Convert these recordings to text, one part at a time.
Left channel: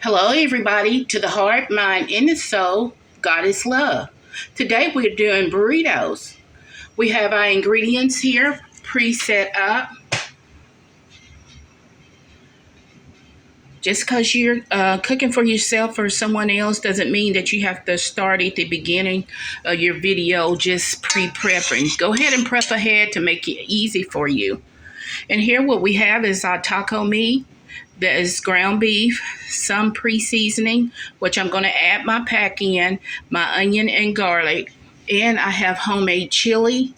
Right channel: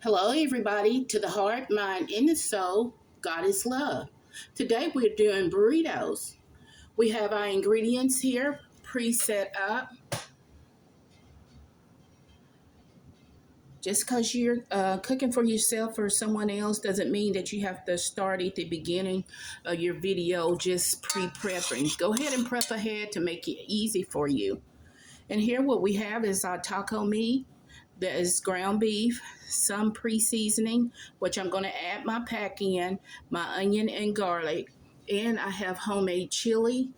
Hello, everybody, to the heart, mind, and the soul. God is love. Today we're doing burritos. We have our ingredients here pre-set up. Just because you're cooking for yourself or someone else doesn't mean that you have to start at the beginning of your video just pre-prepping. Go ahead and prep ahead to make it easy for you. And here what we have is our taco meat. That is ground beef, some pre-seasoning, which I'm going to add my pack in, my onion and garlic. And I have homemade chili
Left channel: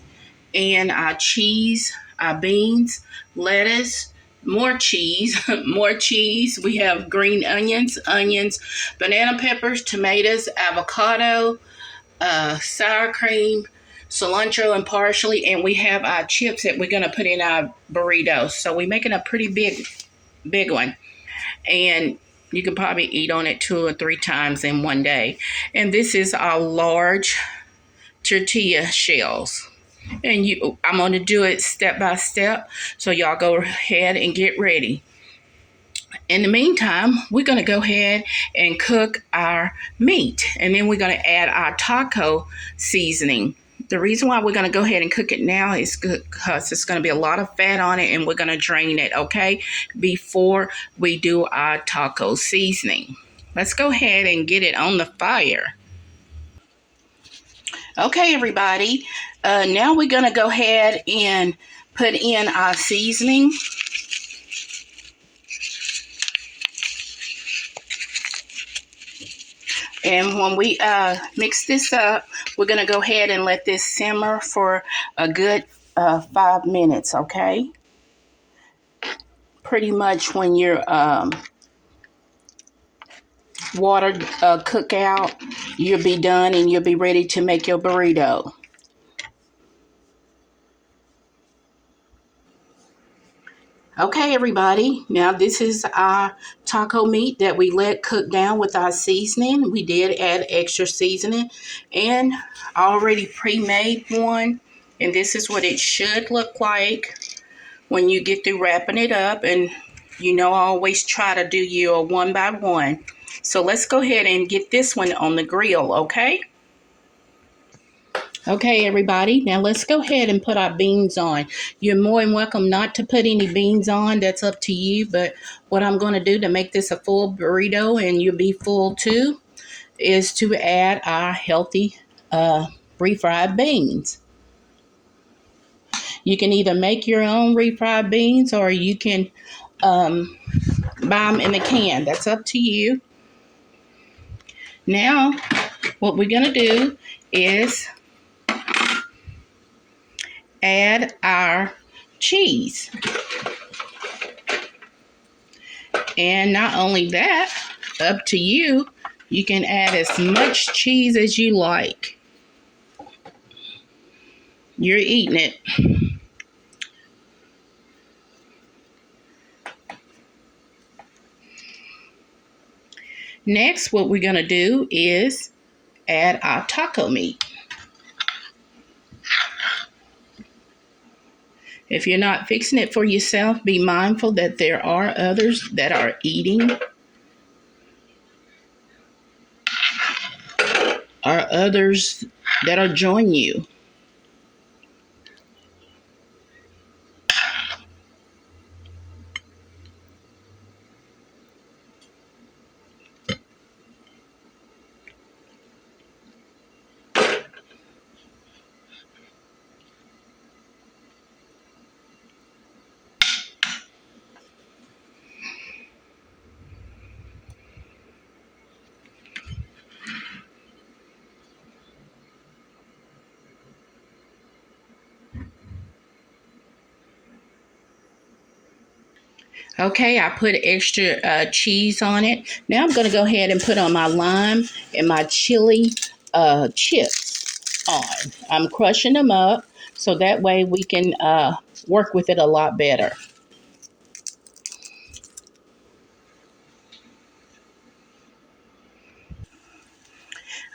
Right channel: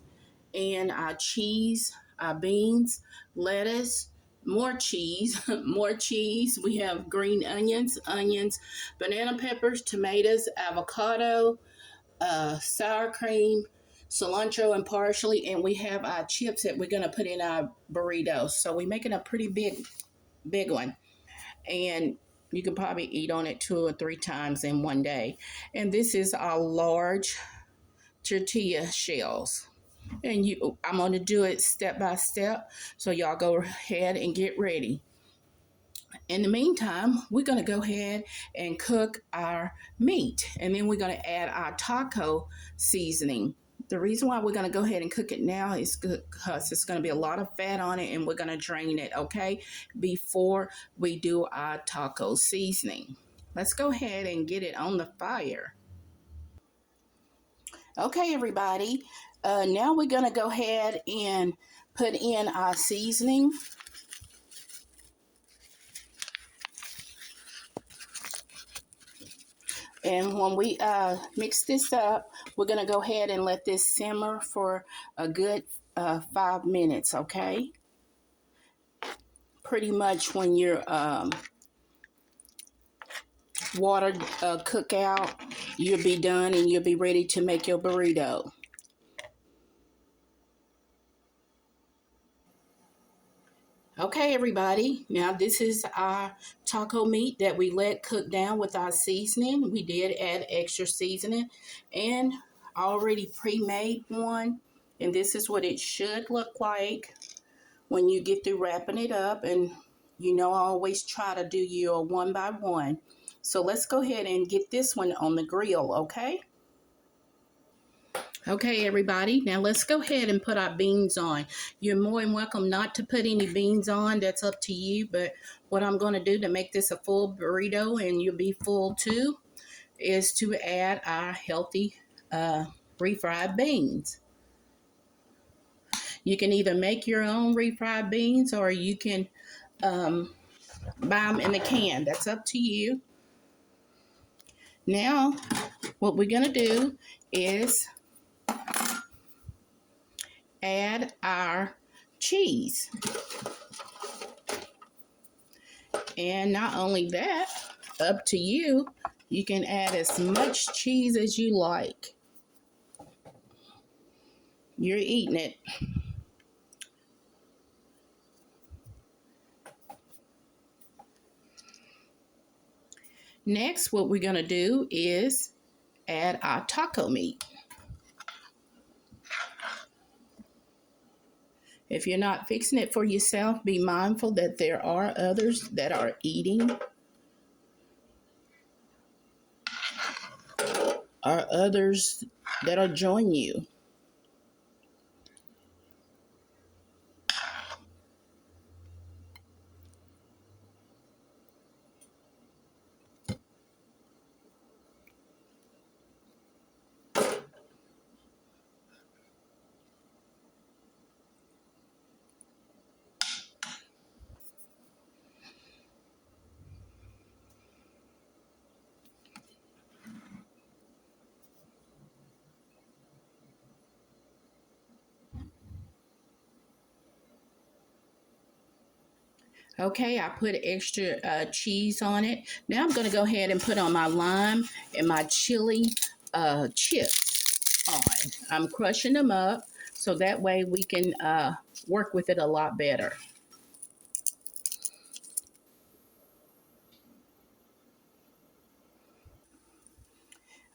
and our cheese, our beans, lettuce, more cheese, more cheese. We have green onions, banana peppers, tomatoes, avocado, sour cream, cilantro and parsley, and we have our chips that we're going to put in our burritos. So we're making a pretty big one, and you can probably eat on it 2 or 3 times in one day. And this is our large tortilla shells, and I'm going to do it step by step, so y'all go ahead and get ready. In the meantime, we're going to go ahead and cook our meat, and then we're going to add our taco seasoning. The reason why we're going to go ahead and cook it now is because it's going to be a lot of fat on it, and we're going to drain it, okay, before we do our taco seasoning. Let's go ahead and get it on the fire. Okay, everybody, now we're going to go ahead and put in our seasoning. And when we mix this up, we're going to go ahead and let this simmer for a good 5 minutes, okay? Pretty much when your water cook out, you'll be done and you'll be ready to make your burrito. Okay, everybody, now this is our taco meat that we let cook down with our seasoning. We did add extra seasoning and already pre-made one, and this is what it should look like when you get through wrapping it up. And I always try to do you a one by one. So let's go ahead and get this one on the grill, okay? Okay, everybody, now let's go ahead and put our beans on. You're more than welcome not to put any beans on. That's up to you. But what I'm going to do to make this a full burrito, and you'll be full too, is to add our healthy refried beans. You can either make your own refried beans, or you can buy them in a can. That's up to you. Now, what we're going to do is add our cheese. And not only that, up to you, you can add as much cheese as you like. You're eating it. Next, what we're going to do is add our taco meat. If you're not fixing it for yourself, be mindful that there are others that are eating, or others that are joining you. Okay, I put extra cheese on it. Now I'm going to go ahead and put on my lime and my chili chips on. I'm crushing them up so that way we can work with it a lot better.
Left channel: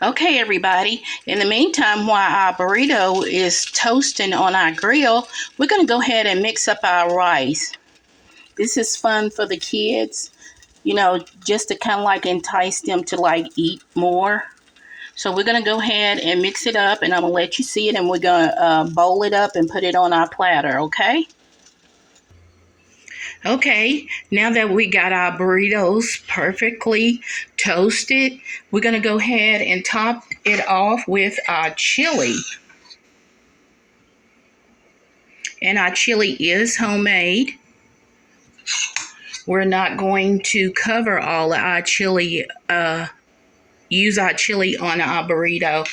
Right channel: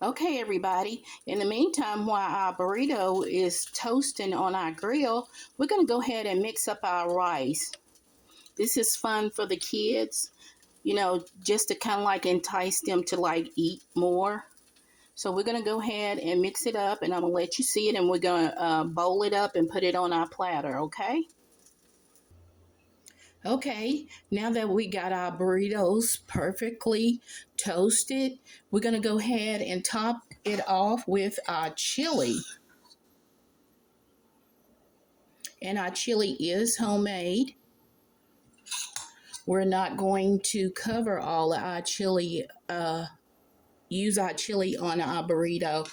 Okay, everybody, in the meantime, while our burrito is toasting on our grill, we're going to go ahead and mix up our rice. This is fun for the kids. just to kind of like entice them to like eat more. So we're going to go ahead and mix it up, and I'm going to let you see it, and we're going to bowl it up and put it on our platter, okay? Okay, now that we got our burritos perfectly toasted, we're going to go ahead and top it off with our chili. And our chili is homemade. We're not going to cover all of our chili, use our chili on our burrito.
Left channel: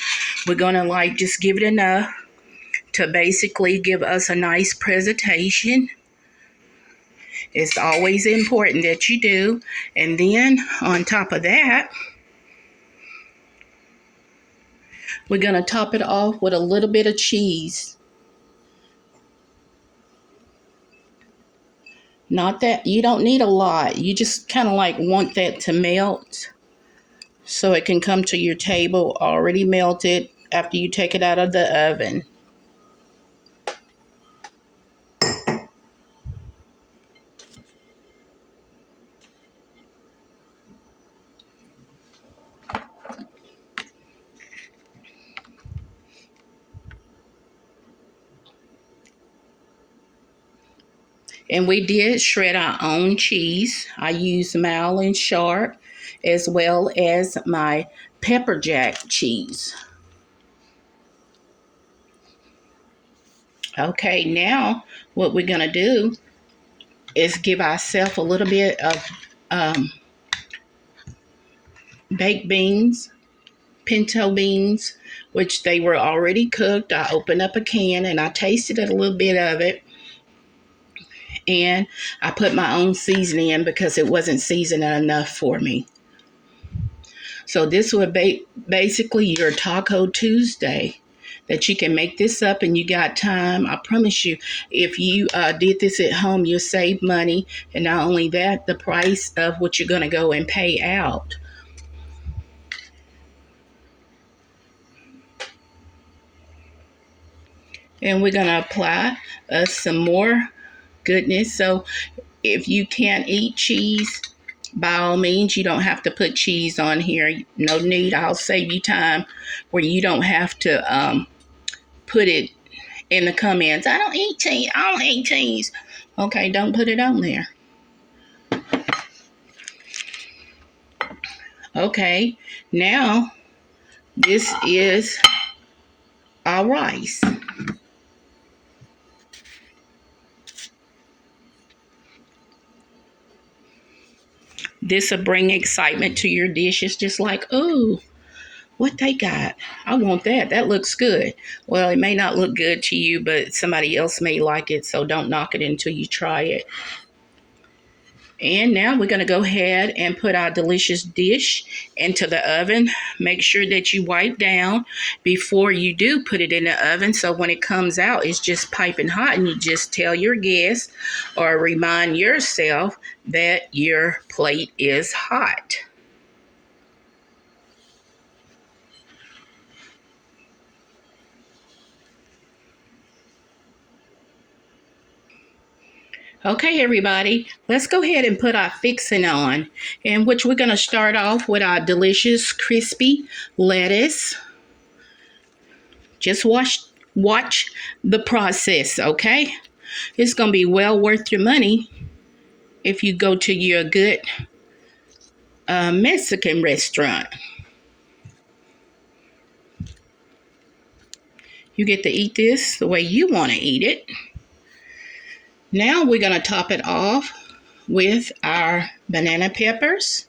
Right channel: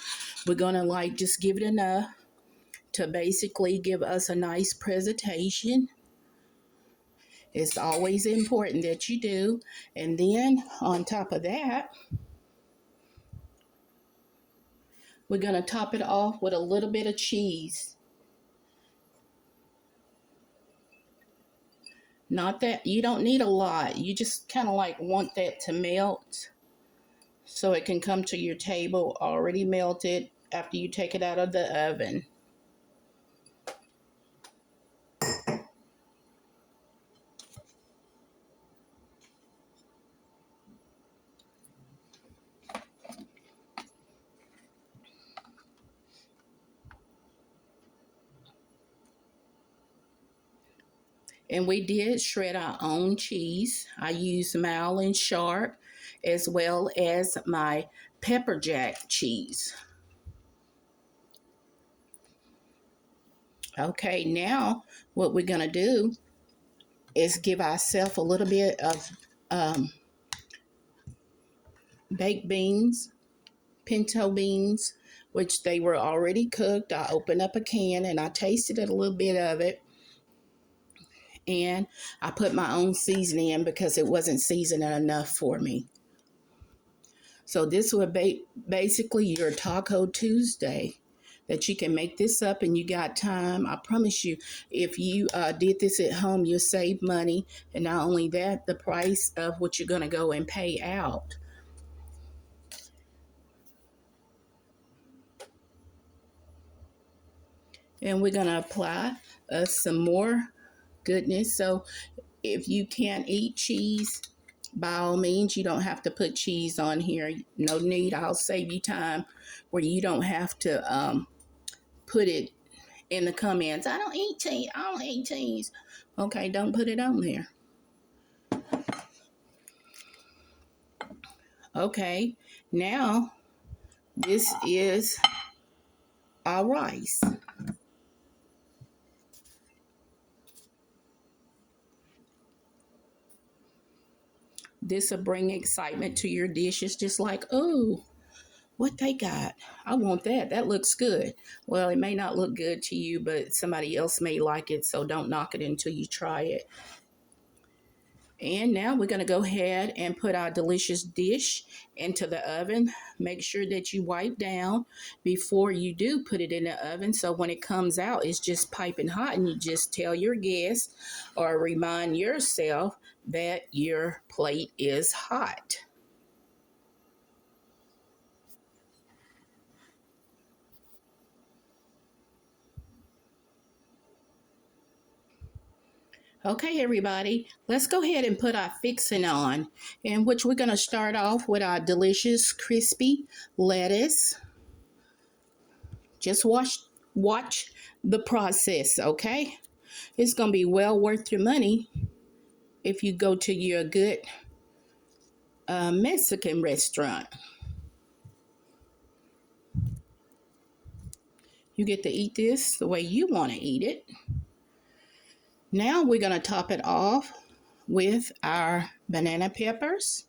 We're going to like just give it enough to basically give us a nice presentation. It's always important that you do. And then on top of that, we're going to top it off with a little bit of cheese. Not that you don't need a lot. You just kind of like want that to melt so it can come to your table already melted after you take it out of the oven. And we did shred our own cheese. I used mild and sharp, as well as my pepper jack cheese. Okay, now what we're gonna do is give ourselves a little bit of baked beans, pinto beans, which they were already cooked. I opened up a can and I tasted a little bit of it. And I put my own seasoning in because it wasn't seasoned enough for me. So this would be basically your Taco Tuesday, that you can make this up and you got time. I promise you, if you did this at home, you'll save money. And not only that, the price of what you're going to go and pay out. And we're going to apply some more goodness. So if you can't eat cheese, by all means, you don't have to put cheese on here. No need. I'll save you time where you don't have to put it in the comments. I don't eat cheese. I don't eat cheese. Okay, don't put it on there. Okay, now this is our rice. This will bring excitement to your dishes, just like, oh, what they got. I want that. That looks good. Well, it may not look good to you, but somebody else may like it, so don't knock it until you try it. And now we're going to go ahead and put our delicious dish into the oven. Make sure that you wipe down before you do put it in the oven, so when it comes out, it's just piping hot, and you just tell your guests or remind yourself that your plate is hot. Okay, everybody, let's go ahead and put our fixing on, in which we're going to start off with our delicious crispy lettuce. Just watch the process, okay? It's going to be well worth your money if you go to your good Mexican restaurant. You get to eat this the way you want to eat it. Now we're going to top it off with our banana peppers.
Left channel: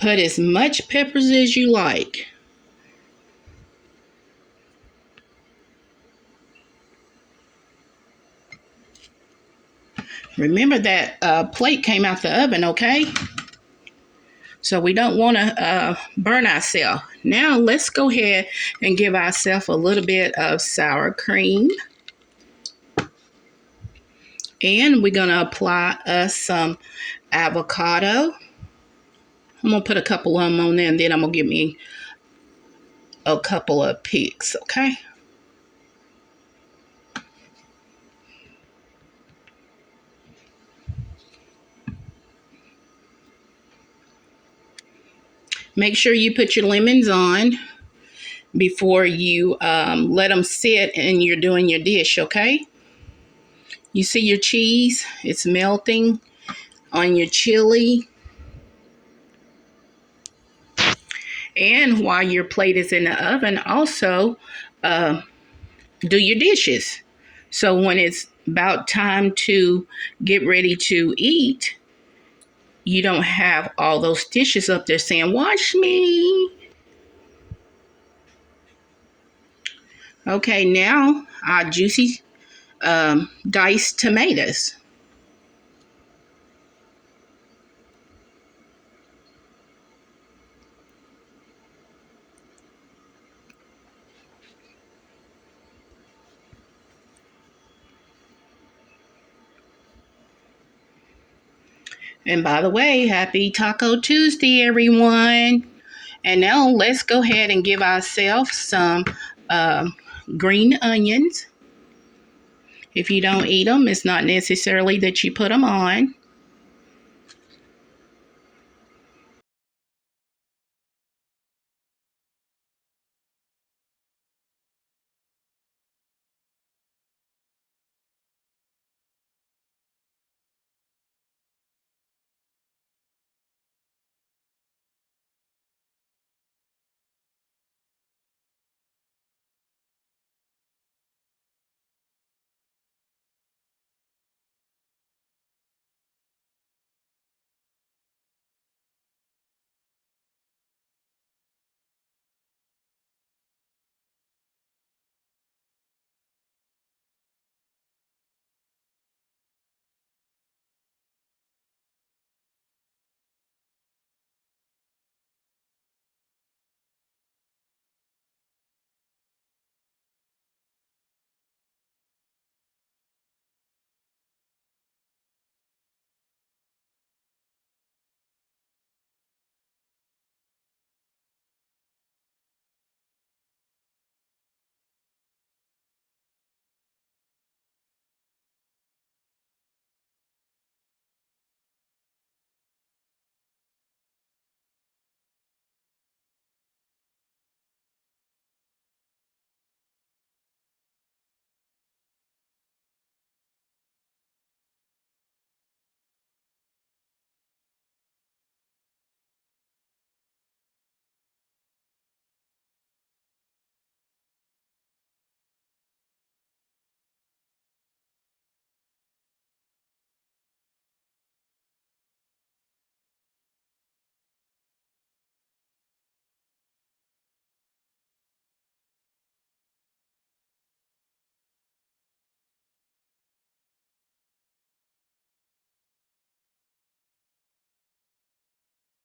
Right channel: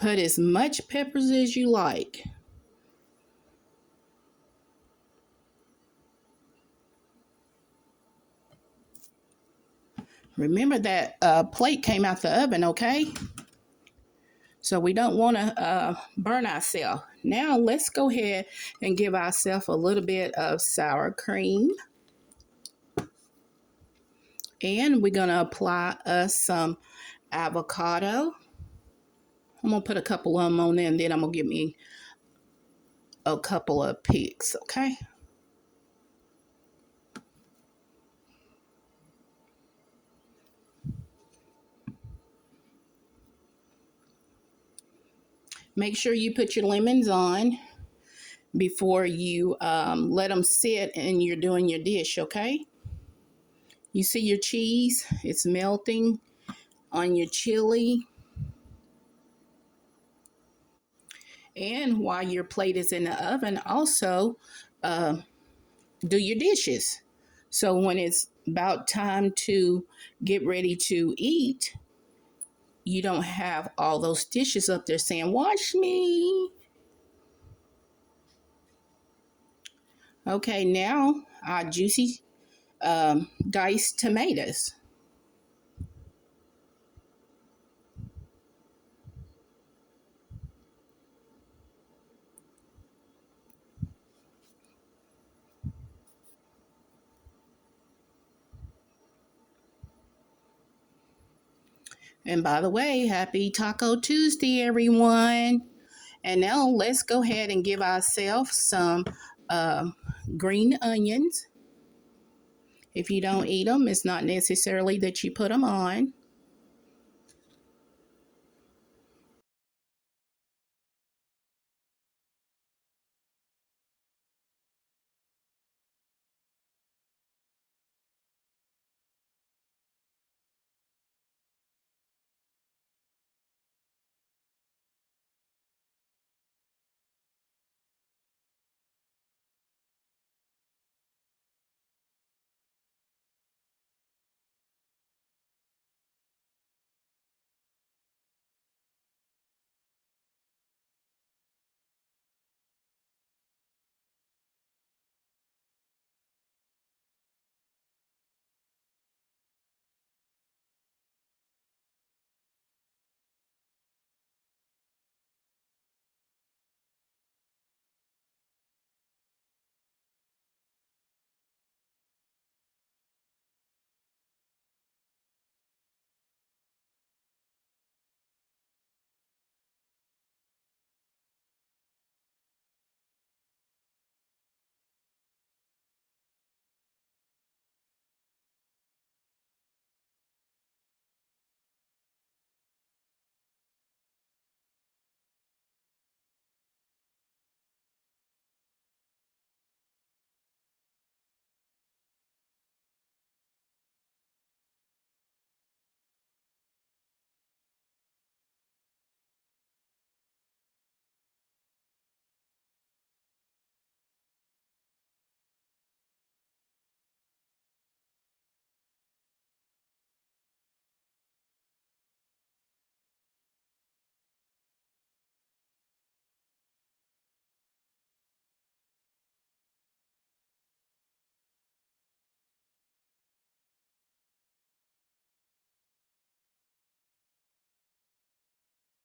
Put as much peppers as you like. Remember that plate came out the oven, okay? So we don't want to burn ourselves. Now let's go ahead and give ourselves a little bit of sour cream. And we're going to apply us some avocado. I'm going to put a couple of them on there, and then I'm going to give me a couple of picks, okay? Make sure you put your lemons on before you let them sit and you're doing your dish, okay? You see your cheese? It's melting on your chili. And while your plate is in the oven, also do your dishes. So when it's about time to get ready to eat, you don't have all those dishes up there saying, "Watch me." Okay, now our juicy diced tomatoes. And by the way, happy Taco Tuesday, everyone. And now let's go ahead and give ourselves some green onions. If you don't eat them, it's not necessarily that you put them on.